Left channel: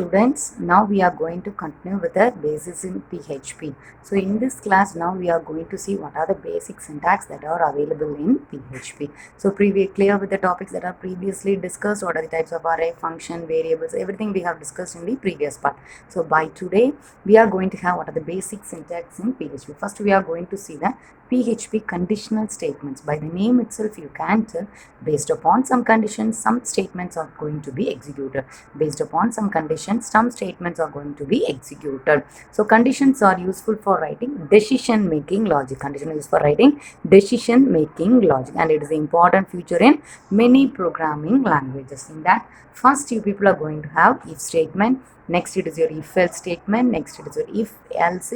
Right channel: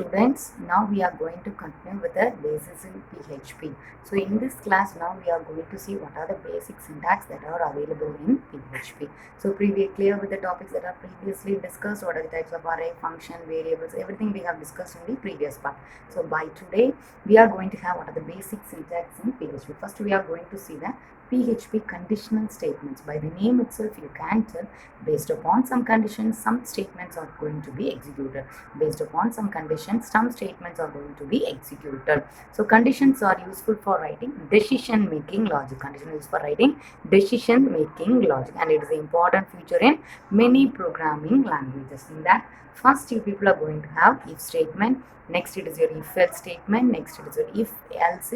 students, now we are going to continue with the basis in PHP. So in this class now we are going to see what are the basic syntax that are available in PHP. So clear with the topics that are previously discussed, what are the types of array, function, variables, everything we have discussed in the previous part. So by today we are going to have what are the basic syntax in PHP. First we are going to see the PHP conditional statements. By the name itself you can tell based upon some conditions some statements are going to be executed. Based upon some conditions some statements are going to be executed. So conditions are useful for writing decision making logic. Condition is used for writing decision making logic, and it is an important feature in many programming languages. In that, first you people are going to have if statement, next it is your if else statement, next it is your if else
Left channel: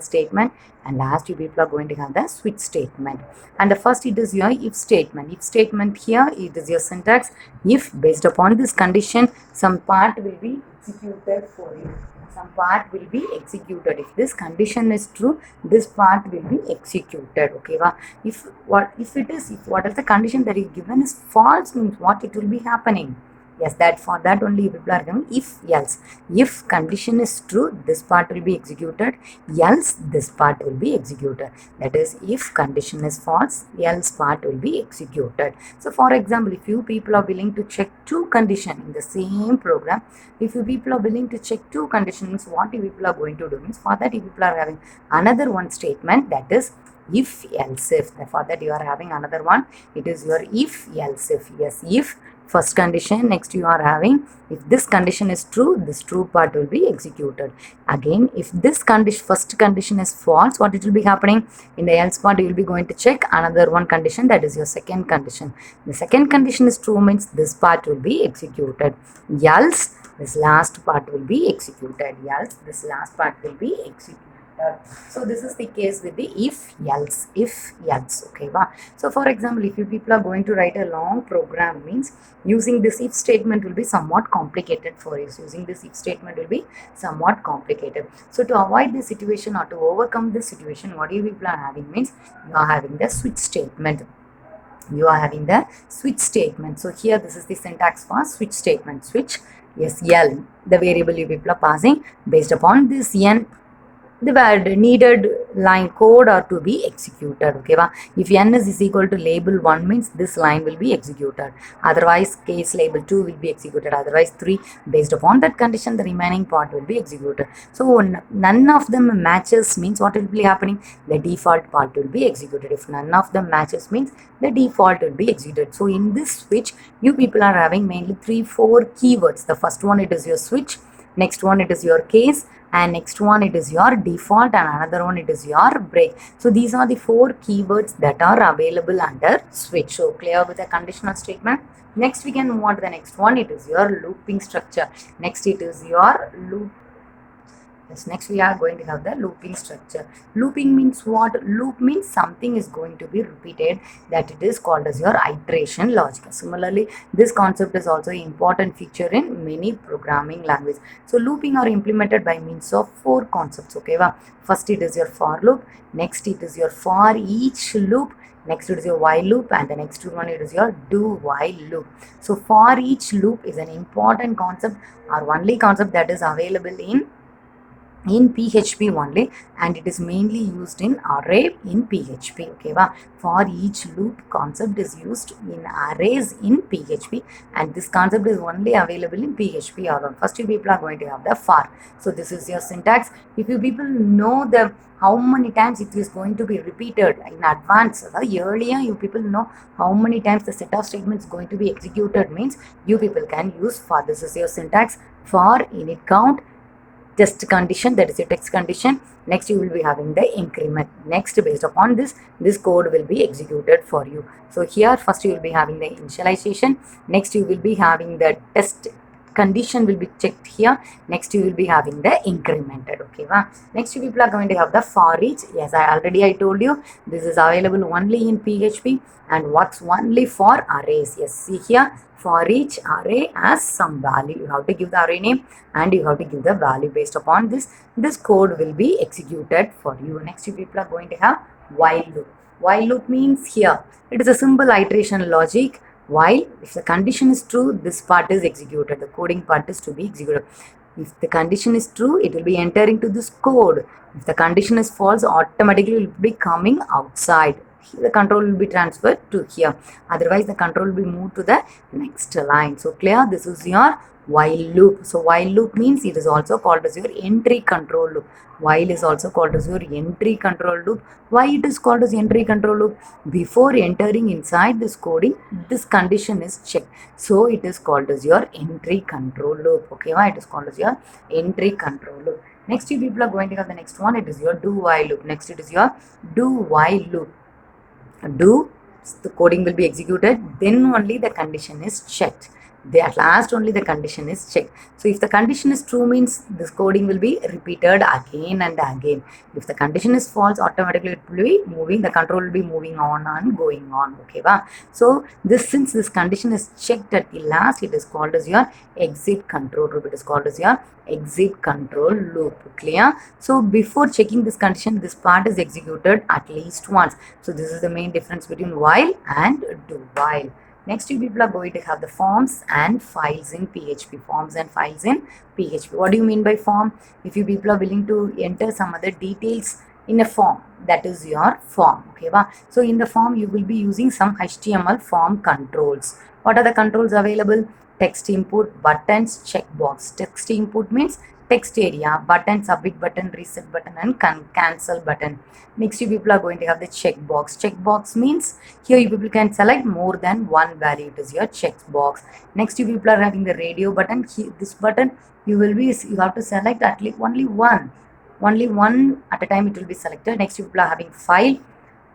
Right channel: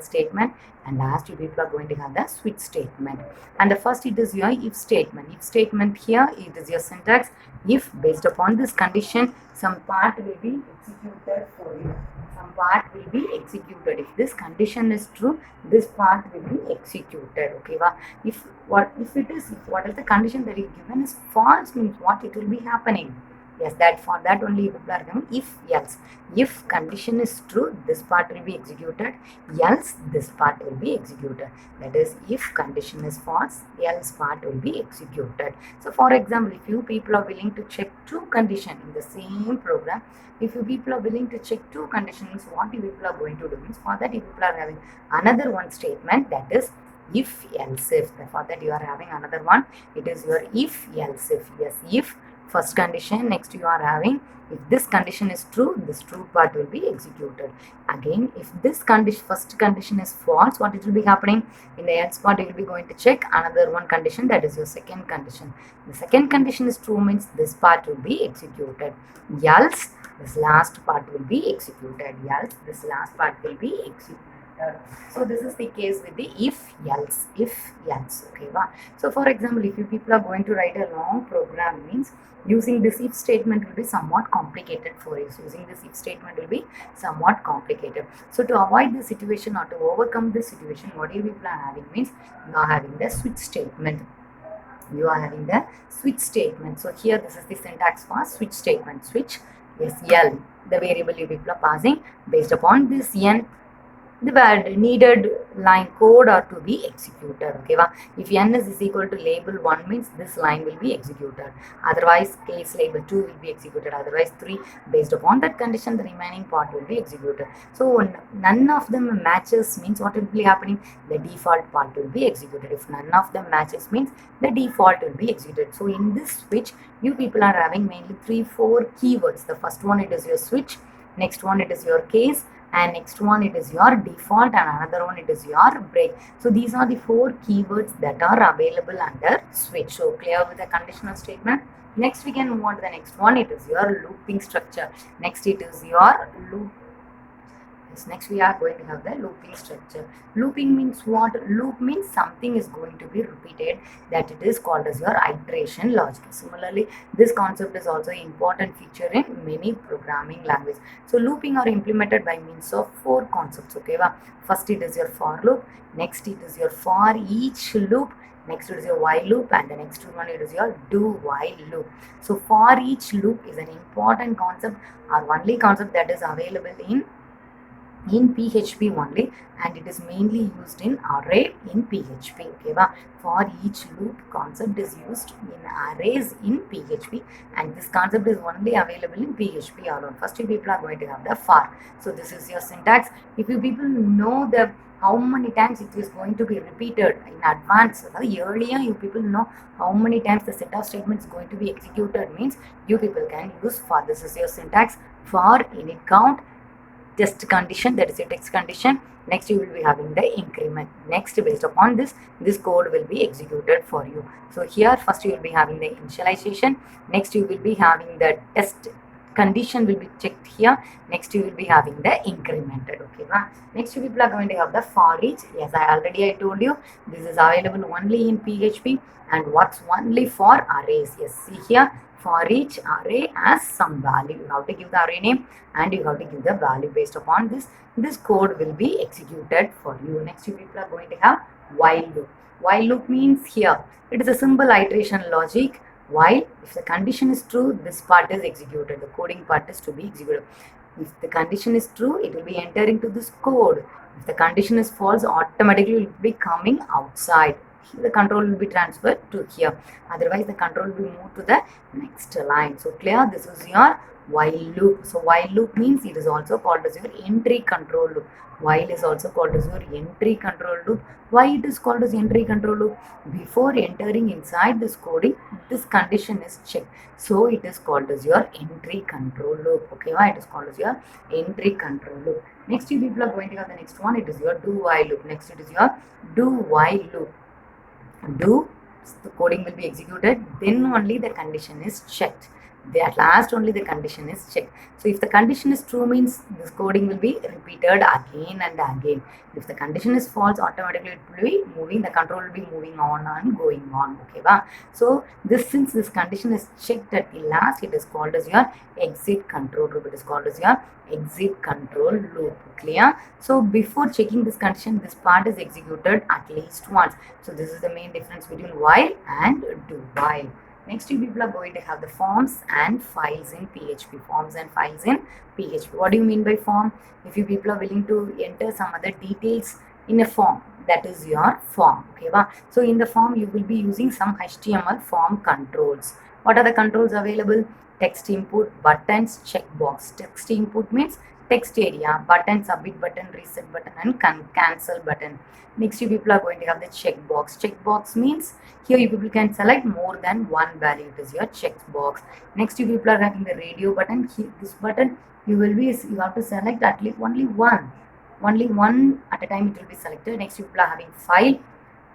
statement, and last you people are going to have the switch statement. And the first it is your if statement. If statement, here it is your syntax. If based upon this condition some part will be executed for you, some part will be executed. If this condition is true, this part will be executed. Okay, if what is the condition that is given is false, means what it will be happening? Yes, that for that only people are given if else. If condition is true, this part will be executed, else this part will be executed. That is, if condition is false, else part will be executed. So for example, if you people are willing to check two conditions in the same program, if you people are willing to check two conditions, what you people are going to do means, for that you people are having another one statement, that is if else if. For that you are having another one, it is your if else if. Yes, if first condition, next you are having if this condition is true, this true part will be executed. Again, if this condition, first condition is false, what it will be happening? In the else part you will be going to check another one condition, that is your second condition. The second condition is true, means this part will be executed, else this last part will be executed, else this last part will be executed. So this is the case with the if else. Okay, so for example, if you people are going to write a long program, means using this if statement will be somewhat complicated for you. So using this if statement will be somewhat complicated. So to avoid this situation or to overcome this situation, what you people are having means you are having the switch statement. You are having the switch statement. So here this is the syntax for switch statement. Switch, yes, L, the variable you people are passing. Based upon this n, the needed line code are to be executed. Okay, if n is equal to label 1, means this line will be executed, otherwise case label 2 will be executed, otherwise 3. Based upon that condition the remaining part will be executed. So none of them matches, means what will be happening? The default part will be executed. If none of them matches, means the default will be executed. So in this switch you people are having mainly 3-4 keywords. The first one, it is your switch, next one it is your case, and next one it is your default, and another one it is your break. So these are the 4 keywords that are available under switch. So clear with the conditional statement. Next we can move on to the next one. It is your looping structure. Next it is your loop. Yes, next we are going to have the looping structure. Looping means what? Loop means something is going to be repeated, that it is called as your iteration logic. Similarly, this concept is also an important feature in many programming languages. So looping are implemented by means of 4 concepts. Okay, first it is your for loop, next it is your for each loop, next it is your while loop, and the next one it is your do while loop. So for each loop is an important concept, or only concept that is available in PHP only, and it is mainly used in array in PHP. Okay, for each loop concept is used in arrays in PHP, and this concept is only available in PHP alone. First you people are going to have the for. So this is your syntax. If you people know the how many times it is going to be repeated in advance, earlier you people know how many times the set of statements is going to be executed, means you people can use for. This is your syntax. For init count, test condition, that is a text condition. Next you will be having the increment. Next, based upon this code will be executed for you. So here first you will be having the initialization, next you will be having the test condition will be checked here, next you will be having the incremented. Okay, next you people are going to have the for each. Yes, I told you this is available only in PHP, and what's only for arrays. Yes, see here, for each array has some value. You have to give the array name and you have to give the value. Based upon this code will be executed for you. Next you people are going to have while loop. While loop means here it is a simple iteration logic. While if the condition is true, this part is executed, the coding part is to be executed. If the condition is true, it will be entering to this code. If the condition is false, automatically it will be coming outside. The control will be transferred to here. Otherwise, the control will be moved to the next line. So clear? This is your while loop. So while loop means it is also called as your entry control loop. While is also called as your entry control loop. Why it is called as entry control loop? Before entering inside this coding, this condition is checked. So it is called as your entry control loop. Okay, why it is called as your entry control loop. Next you people are going to have the next one. It is your do while loop. Next it is your do while loop. Do, the coding will be executed, then only the condition is checked. At last only the condition is checked. So if the condition is true means this coding will be repeated again and again. If the condition is false, automatically it will be moving, the control will be moving on and going on. Okay, wow? So since this condition is checked at the last, it is called as your exit control loop. It is called as your exit control loop. Clear? So before checking this condition, this part is executed at least once. So this is the main difference between while and do while. Next, you people are going to have the forms and files in PHP. Forms and files in PHP. What do you mean by form? If you people are willing to enter some other details in a form, that is your form. Okay, wow? So in the form, you will be using some HTML form controls. What are the controls available? Text input, buttons, checkbox. Text input means text area, button, submit button, reset button, and cancel button. Next, you people are going to have the checkbox. Checkbox means here you people can select more than one value. It is your checkbox. Next, you people are having the radio button. Here, this button you have to select at least only one at a time. It will be selected. Next, you people are having file.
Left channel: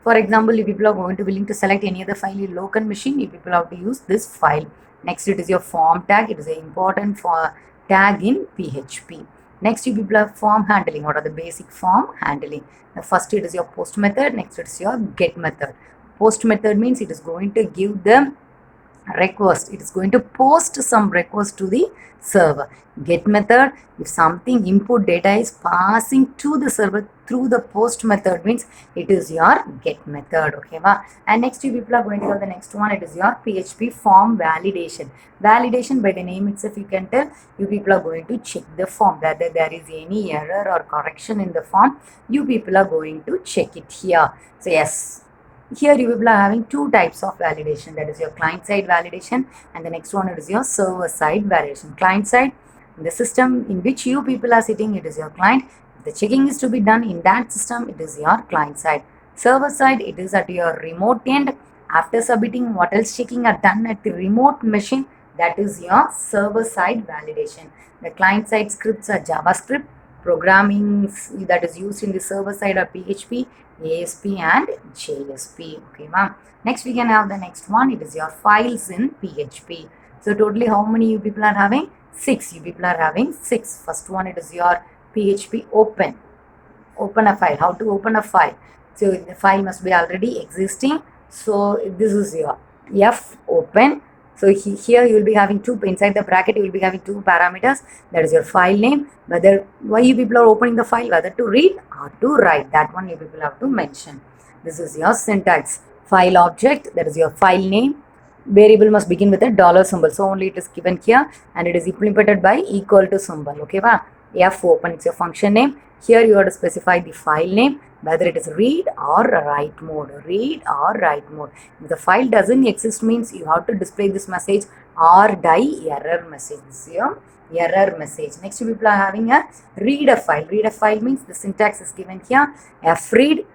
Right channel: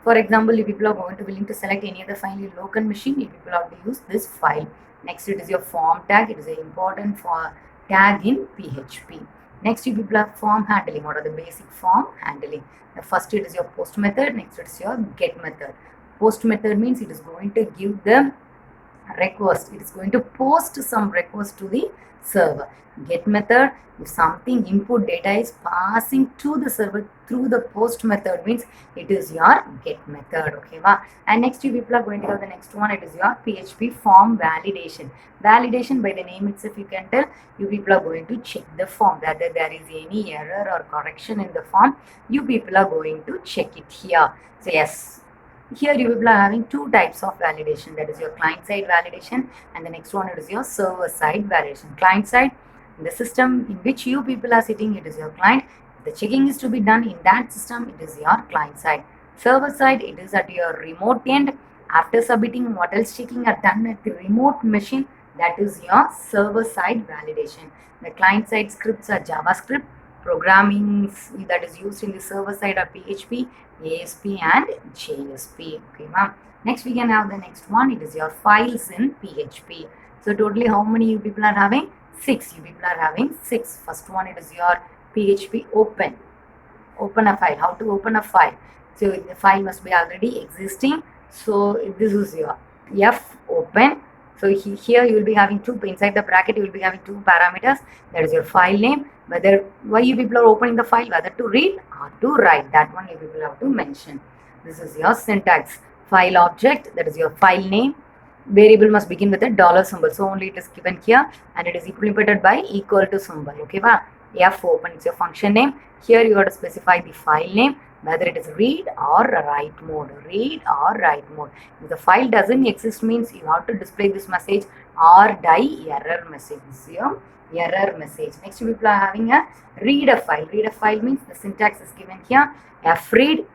For example, if people are going to willing to select any other file in local machine, you people have to use this file. Next, it is your form tag. It is an important for tag in PHP. Next, you people have form handling. What are the basic form handling? The first, it is your post method. Next, it is your get method. Post method means it is going to give the request. It is going to post some request to the server. Get method, if something input data is passing to the server through the post method means it is your get method. Okay, wow? And next you people are going to have the next one. It is your PHP form validation. Validation, by the name itself you can tell you people are going to check the form whether there is any error or correction in the form. You people are going to check it here. So yes, here you will be having two types of validation, that is your client side validation and the next one it is your server side validation. Client side, the system in which you people are sitting, it is your client. The checking is to be done in that system, it is your client side. Server side, it is at your remote end. After submitting, what else checking are done at the remote machine, that is your server side validation. The client side scripts are JavaScript. Programming that is used in the server side are PHP, ASP and JSP. Okay, ma'am. Next we can have the next one. It is your files in PHP. So totally how many you people are having? 6. You people are having 6. First one, it is your PHP open. Open a file. How to open a file? So the file must be already existing. So this is your F open. So here you will be having two, inside the bracket you will be having two parameters, that is your file name, why you people are opening the file, whether to read or to write, that one you people have to mention. This is your syntax. File object, that is your file name. Variable must begin with a dollar symbol, so only it is given here and it is implemented by equal to symbol. Okay, wow? F open, it's your function name. Here you have to specify the file name, whether it is read or write mode. Read or write mode. If the file doesn't exist means you have to display this message or die error message. This is your error message. Next, people are having a read a file. Read a file means the syntax is given here. Fread,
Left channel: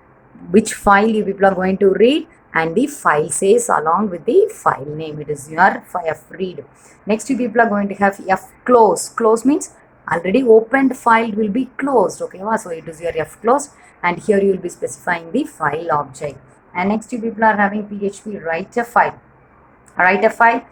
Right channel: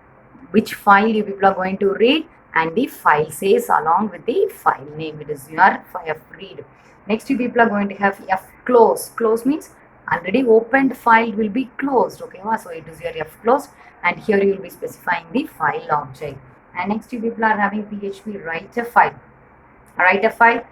which file you people are going to read, and the file says along with the file name. It is your fread. Next, you people are going to have close. Close means already opened file will be closed. Okay, so it is your closed, and here you will be specifying the file object. And next, you people are having PHP write a file. Write a file,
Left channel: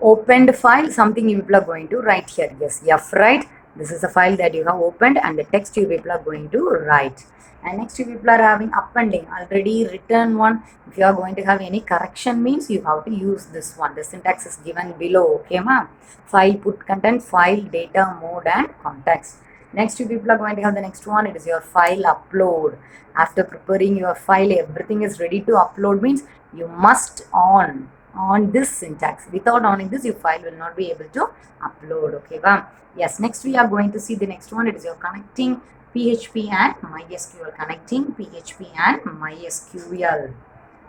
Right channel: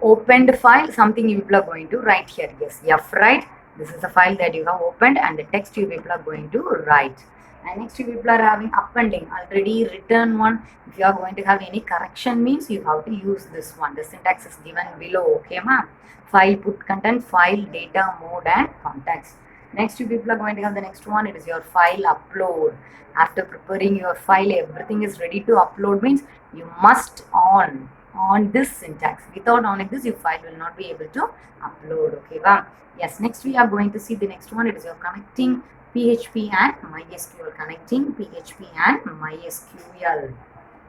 opened file, something you people are going to write here. Yes, write. This is a file that you have opened, and the text you people are going to write. And next, you people are having appending, already written one. If you are going to have any correction means you have to use this one. The syntax is given below. Okay, ma'am. File put content, file data mode and context. Next, you people are going to have the next one. It is your file upload. After preparing your file, everything is ready to upload means you must on on this syntax. Without on this, your file will not be able to upload. Okay, well, yes. Next, we are going to see the next one. It is your connecting PHP and MySQL. Connecting PHP and MySQL.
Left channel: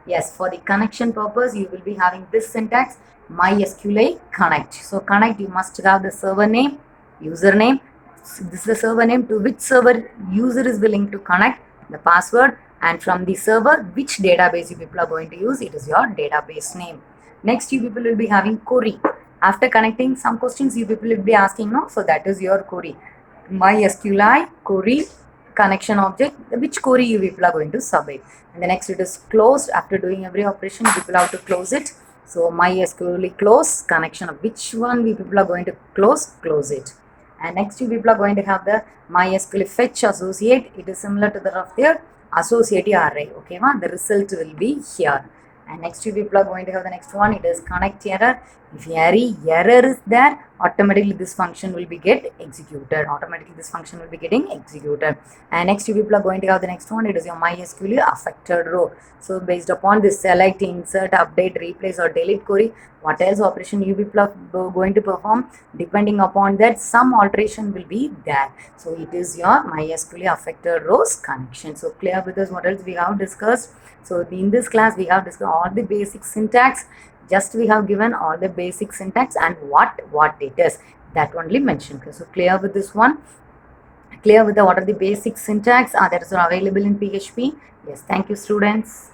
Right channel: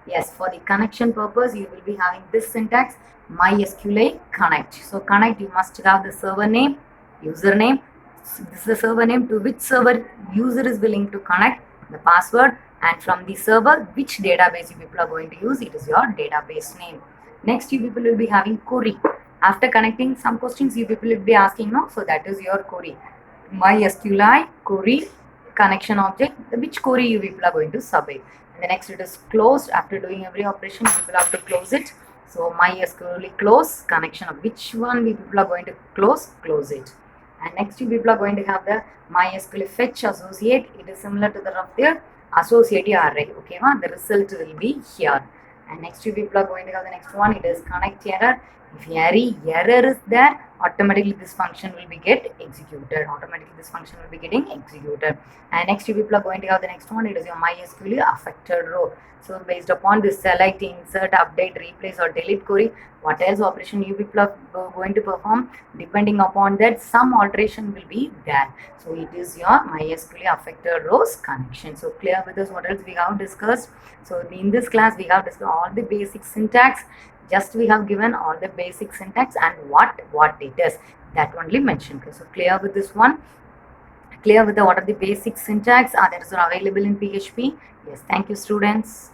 Yes, for the connection purpose, you will be having this syntax MySQL connect. So connect, you must have the server name, username. This is the server name to which server user is willing to connect, the password, and from the server which database you people are going to use. It is your database name. Next, you people will be having query. After connecting, some questions you people will be asking, no? So that is your query. MySQL query connection object, which query you people are going to submit. And the next, it is closed. After doing every operation, you people have to close it. So MySQL close connection of which one we people are going to close it. And next, you people are going to have the MySQL fetch associate. It is similar to that of their associate array. Okay, the result will be here. And next, you people are going to have the next one. It is connect error. If any error is there, automatically this function will be get executed. Automatically this function will be getting executed. And next, you people are going to have the next one. It is your MySQL affected row. So based upon this select, insert, update, replace or delete query, what else operation you people are going to perform, depending upon that some alteration will be there. So it is your MySQL affected rows connection. So clear with us what else we have discussed. So in this class we have discussed all the basic syntax. Just we have given all the basic syntax and what it is, that only mentioned. Okay, so clear with this one. Clear with the what are the basic syntax that are available in PHP. Yes, thank you students.